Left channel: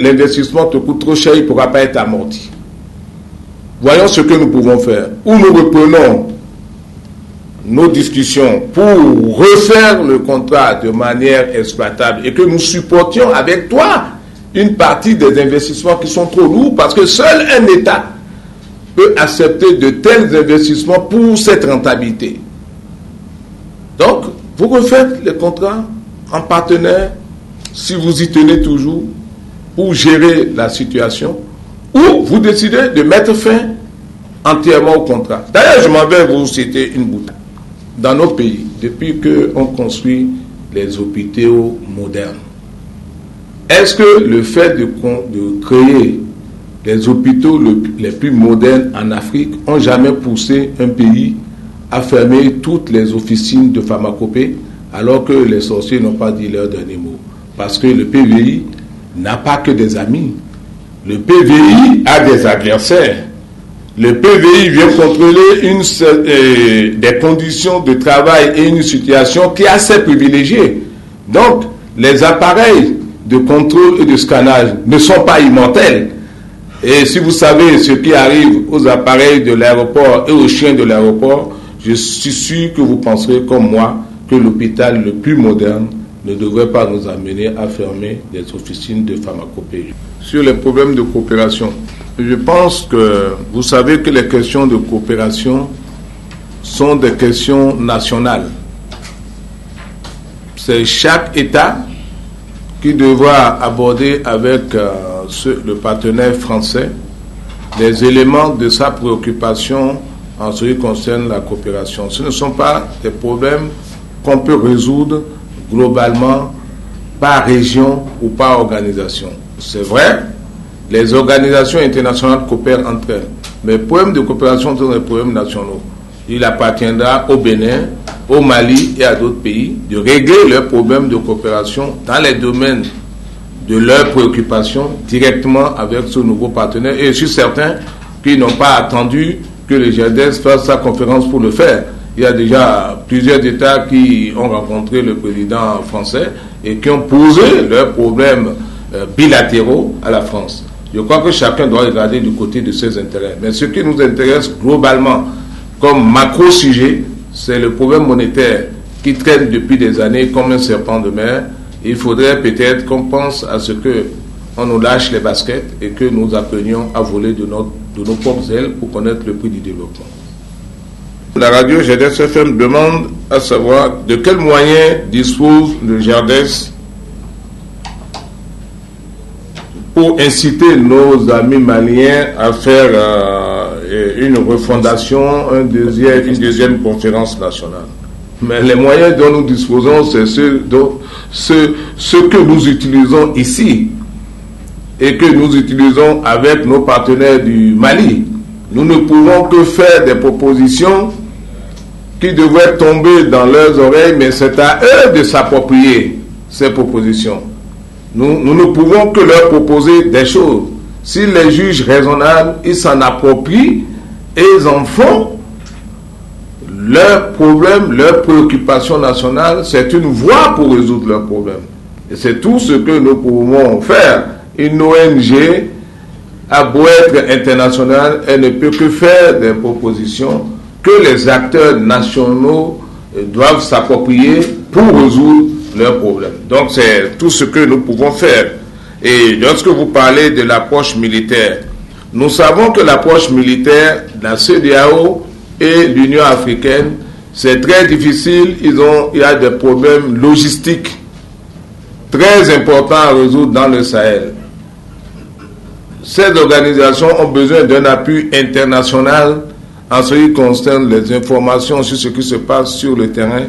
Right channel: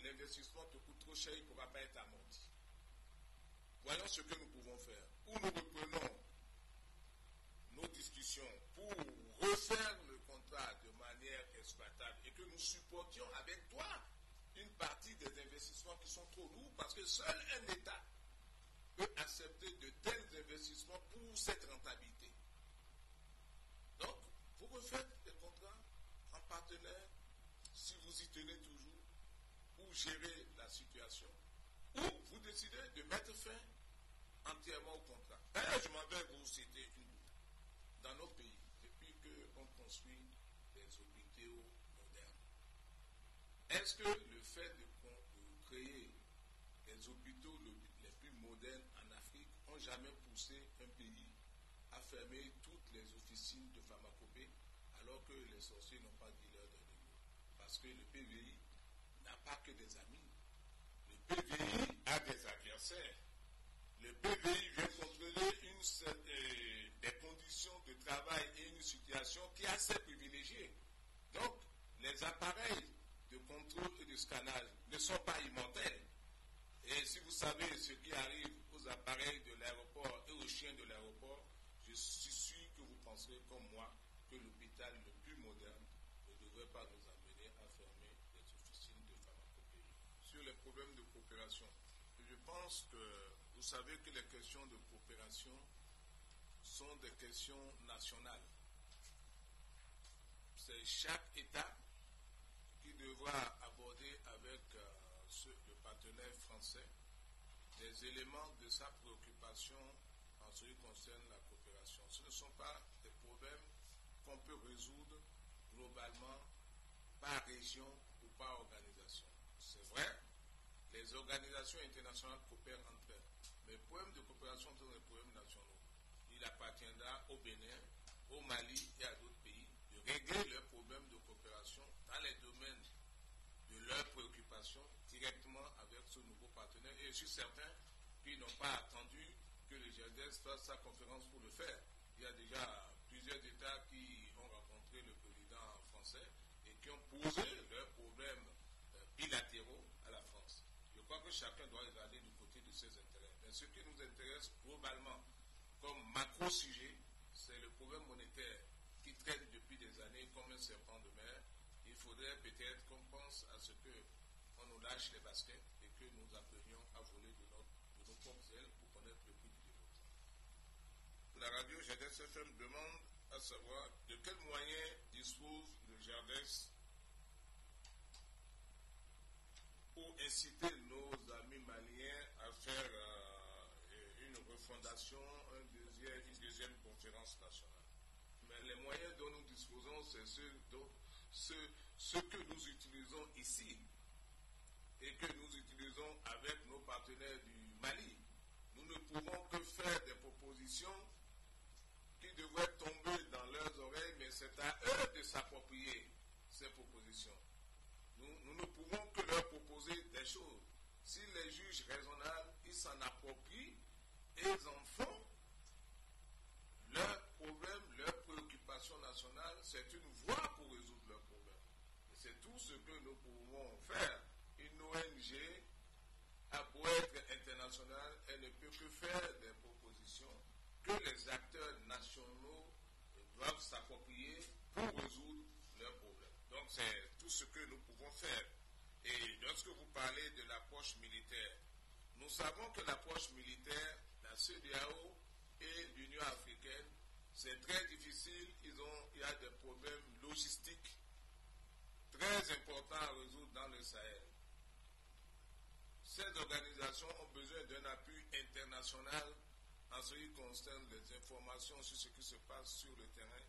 L'investissement te coûte trop cher, il ne pourra pas être amorti. Voyons ce que nous pouvons faire. Ou nous reprenons nos discussions pour refaire le contrat de manière exploitable et que nous supportions avec toi une partie des investissements qui sont trop lourds, parce que seul un État peut accepter de tels investissements pour cette rentabilité. Donc, vous refaites les contrats en partenaire, si vous y tenez toujours, pour gérer la situation, ou vous décidez de mettre fin entièrement au contrat. D'ailleurs, je m'en vais vous citer une boutade. Dans nos pays, depuis qu'on construit les hôpitaux modernes, est-ce que le fait de créer les hôpitaux les plus modernes en Afrique ont jamais poussé un pays à fermer toutes les officines de pharmacopée alors que les sorciers n'ont pas dit leur dernier mot? Parce que le PVI n'a pas que des amis. Le PVI a des adversaires. Le PVI vient contrôler des conditions de travail et une situation qui est assez privilégiée. Donc, les appareils de contrôle et de scannage ne sont pas immortels. Et si vous savez ce qui arrive aux appareils de l'aéroport et aux chiens de l'aéroport, je suis sûr que vous penserez comme moi que l'hôpital le plus moderne ne devrait pas nous amener à fermer les officines de pharmacopée. Sur les problèmes de coopération, je pense que vous savez que les questions de coopération sont des questions nationales. C'est chaque État qui devra aborder avec le partenaire français les éléments de sa préoccupation en ce qui concerne la coopération. Ce ne sont pas des problèmes qu'on peut résoudre globalement par région ou par organisation. C'est vrai, les organisations internationales coopèrent entre elles, mais les problèmes de coopération sont des problèmes nationaux. Il appartiendra au Bénin, au Mali et à d'autres pays de régler leurs problèmes de coopération dans les domaines de leurs préoccupations directement avec ce nouveau partenaire. Et je suis certain qu'ils n'ont pas attendu que le GERDES fasse sa conférence pour le faire. Il y a déjà plusieurs États qui ont rencontré le président français et qui ont posé leurs problèmes bilatéraux à la France. Je crois que chacun doit regarder du côté de ses intérêts. Mais ce qui nous intéresse globalement comme macro-sujet, c'est le problème monétaire qui traîne depuis des années comme un serpent de mer. Il faudrait peut-être qu'on pense à ce qu'on nous lâche les baskets et que nous apprenions à voler de nos propres ailes pour connaître le prix du développement. La radio GERDES FM demande à savoir de quels moyens dispose le GERDES pour inciter nos amis maliens à faire une refondation, une deuxième conférence nationale. Mais les moyens dont nous disposons, c'est ceux que nous utilisons ici et que nous utilisons avec nos partenaires du Mali. Nous ne pouvons que faire des propositions qui devraient tomber dans leurs oreilles, mais c'est à eux de s'approprier ces propositions. Nous ne pouvons que leur proposer des choses. S'ils les jugent raisonnables, ils s'en approprient et ils en font leurs problèmes, leurs préoccupations nationales. C'est une voie pour résoudre leurs problèmes. Et c'est tout ce que nous pouvons faire. Une ONG a beau être internationale, elle ne peut que faire des propositions que les acteurs nationaux doivent s'approprier pour résoudre leurs problèmes. Donc c'est tout ce que nous pouvons faire. Et lorsque vous parlez de l'approche militaire, nous savons que l'approche militaire, la CEDEAO et l'Union africaine, c'est très difficile. Il y a des problèmes logistiques très importants à résoudre dans le Sahel. Ces organisations ont besoin d'un appui international en ce qui concerne les informations sur ce qui se passe sur le terrain,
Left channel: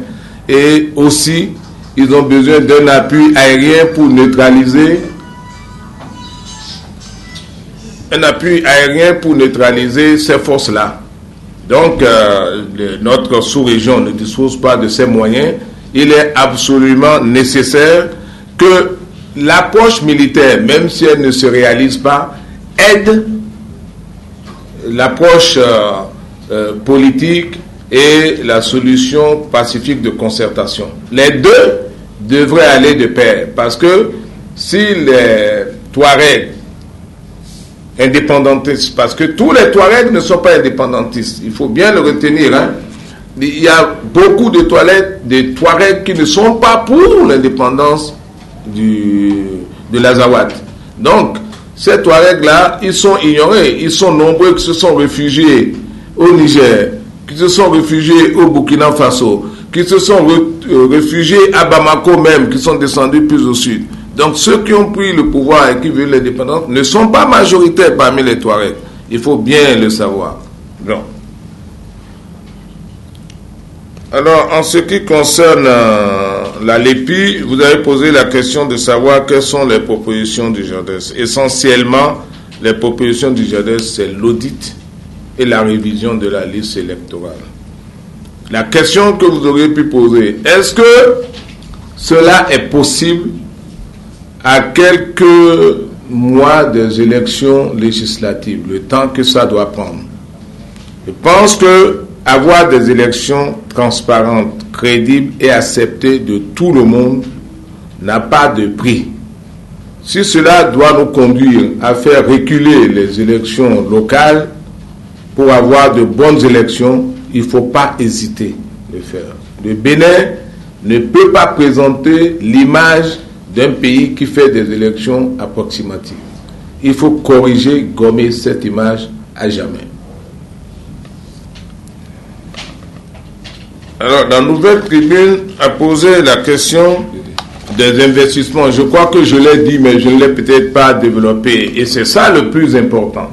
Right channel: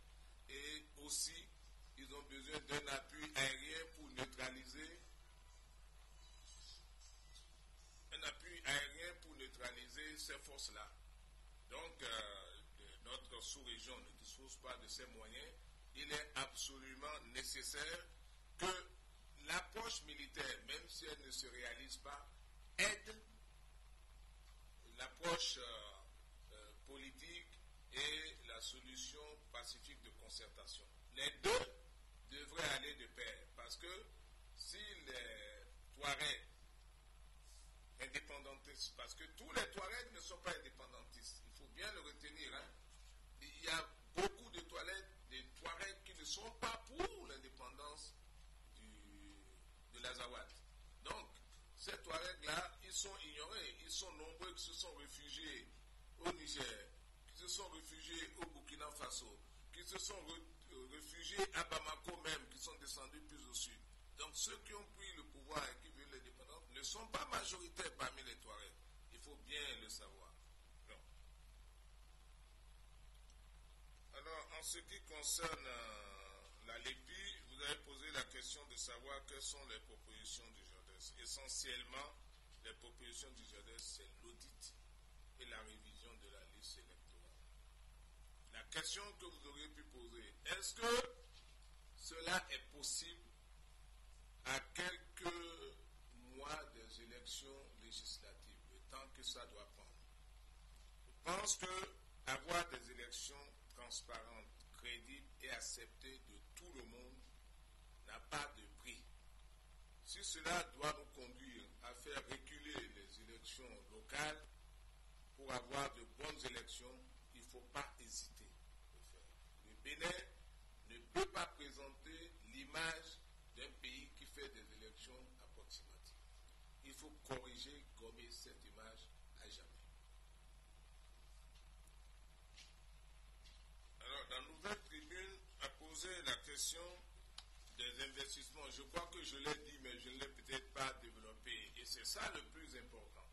et aussi ils ont besoin d'un appui aérien pour neutraliser ces forces-là. Donc notre sous-région ne dispose pas de ces moyens. Il est absolument nécessaire que l'approche militaire, même si elle ne se réalise pas, aide l'approche politique et la solution pacifique de concertation. Les deux devraient aller de pair, parce que si Touaregs indépendantistes, parce que tous les Touaregs ne sont pas indépendantistes, il faut bien le retenir, hein. Il y a beaucoup de Touaregs qui ne sont pas pour l'indépendance de l'Azawad. Donc, ces Touaregs-là, ils sont ignorés, ils sont nombreux qui se sont réfugiés au Niger, qui se sont réfugiés au Burkina Faso, qui se sont réfugiés à Bamako même, qui sont descendus plus au sud. Donc ceux qui ont pris le pouvoir et qui veulent l'indépendance ne sont pas majoritaires parmi les Touaregs. Il faut bien le savoir. Bon. Alors, en ce qui concerne la LEPI, vous avez posé la question de savoir quelles sont les propositions du JADES. Essentiellement, les propositions du JADES, c'est l'audit et la révision de la liste électorale. La question que vous auriez pu poser, est-ce que cela est possible à quelques mois des élections législatives, le temps que ça doit prendre? Je pense que avoir des élections transparentes, crédibles et acceptées de tout le monde n'a pas de prix. Si cela doit nous conduire à faire reculer les élections locales pour avoir de bonnes élections, il ne faut pas hésiter de le faire. Le Bénin ne peut pas présenter l'image d'un pays qui fait des élections approximatives. Il faut corriger, gommer cette image à jamais. Alors, la nouvelle tribune a posé la question des investissements. Je crois que je l'ai dit, mais je ne l'ai peut-être pas développé. Et c'est ça le plus important.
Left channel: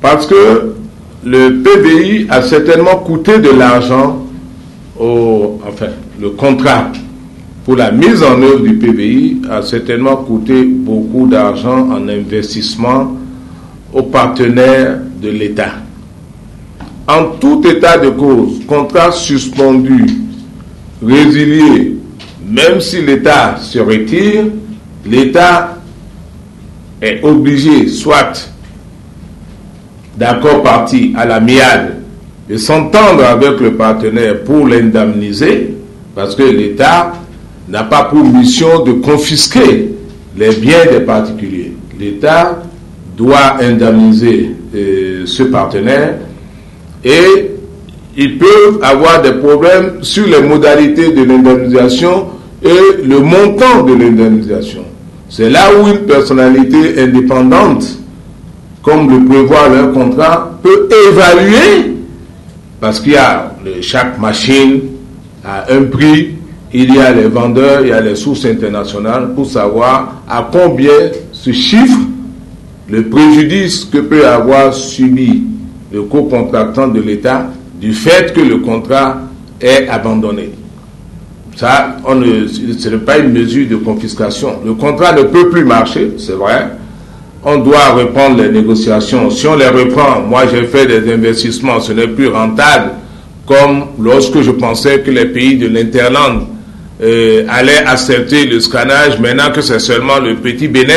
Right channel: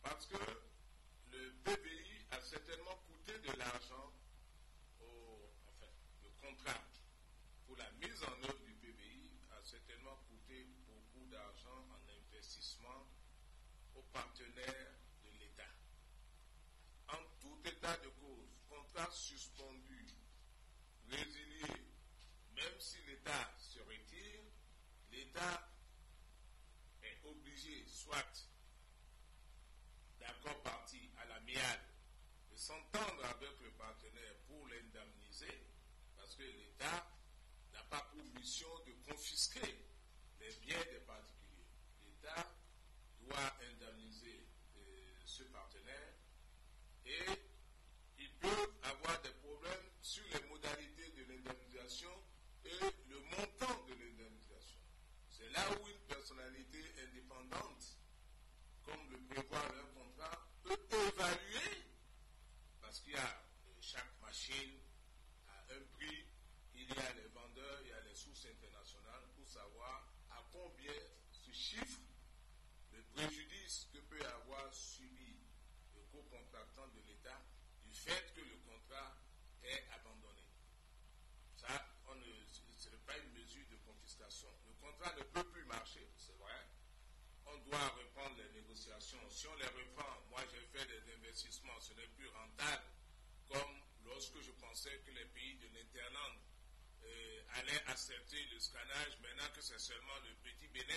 Parce que le PBI a certainement coûté de l'argent, le contrat pour la mise en œuvre du PBI a certainement coûté beaucoup d'argent en investissement aux partenaires de l'État. En tout état de cause, contrat suspendu, résilié, même si l'État se retire, l'État est obligé, soit d'accord parti à l'amiable, de s'entendre avec le partenaire pour l'indemniser, parce que l'État n'a pas pour mission de confisquer les biens des particuliers. L'État doit indemniser ce partenaire et ils peuvent avoir des problèmes sur les modalités de l'indemnisation et le montant de l'indemnisation. C'est là où une personnalité indépendante, comme le prévoit leur contrat, peut évaluer, parce qu'il y a chaque machine à un prix, il y a les vendeurs, il y a les sources internationales, pour savoir à combien se chiffre le préjudice que peut avoir subi le co-contractant de l'État du fait que le contrat est abandonné. Ça, ce n'est pas une mesure de confiscation. Le contrat ne peut plus marcher, c'est vrai. On doit reprendre les négociations. Si on les reprend, moi j'ai fait des investissements, ce n'est plus rentable, comme lorsque je pensais que les pays de l'Interland allaient accepter le scannage, maintenant que c'est seulement le petit Bénin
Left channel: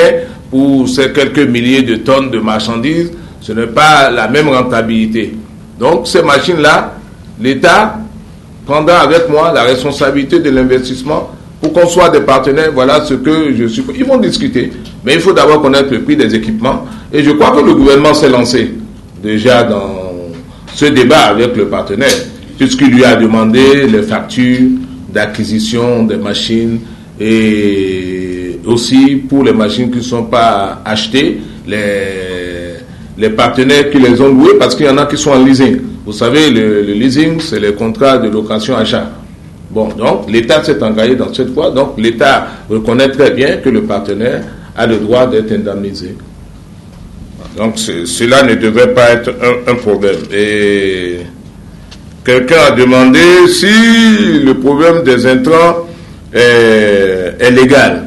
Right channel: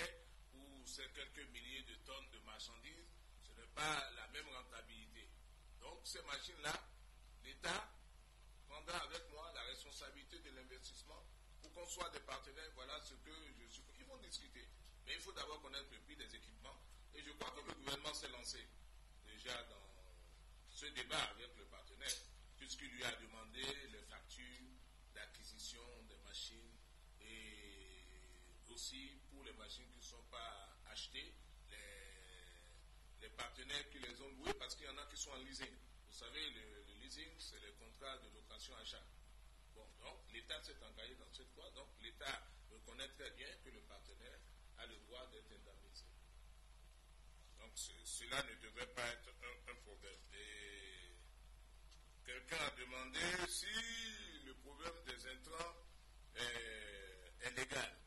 pour ces quelques milliers de tonnes de marchandises, ce n'est pas la même rentabilité. Donc ces machines-là, l'État prendra avec moi la responsabilité de l'investissement pour qu'on soit des partenaires. Voilà ce que je suis. Ils vont discuter, mais il faut d'abord connaître le prix des équipements. Et je crois que le gouvernement s'est lancé déjà dans ce débat avec le partenaire, puisqu'il lui a demandé les factures d'acquisition des machines et aussi pour les machines qui ne sont pas achetées, les partenaires qui les ont loués, parce qu'il y en a qui sont en leasing. Vous savez, le leasing, c'est les contrats de location-achat. Bon, donc l'État s'est engagé dans cette voie, donc l'État reconnaît très bien que le partenaire a le droit d'être indemnisé. Donc cela ne devrait pas être un problème. Et quelqu'un a demandé si le problème des intrants est légal.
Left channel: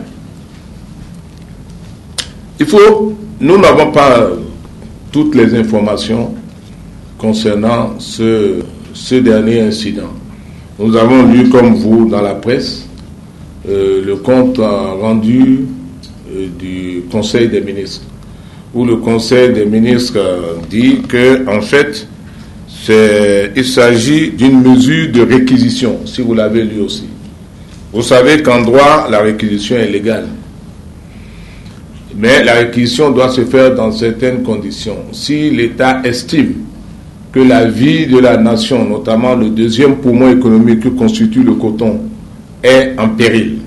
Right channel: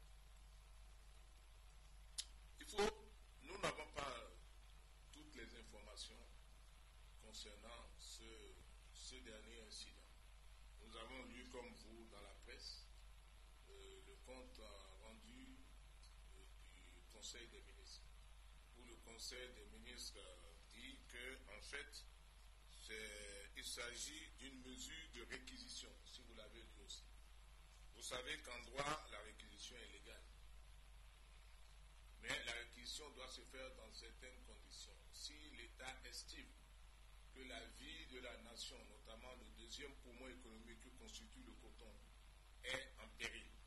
Nous n'avons pas toutes les informations concernant ce dernier incident. Nous avons lu, comme vous, dans la presse, le compte rendu du Conseil des ministres, où le Conseil des ministres dit que, en fait, il s'agit d'une mesure de réquisition, si vous l'avez lu aussi. Vous savez qu'en droit, la réquisition est légale. Mais la réquisition doit se faire dans certaines conditions. Si l'État estime que la vie de la nation, notamment le deuxième poumon économique que constitue le coton, est en péril,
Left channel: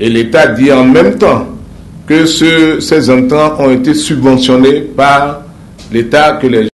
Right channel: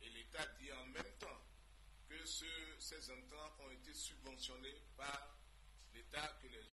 et l'État dit en même temps que ces intrants ont été subventionnés par l'État, que les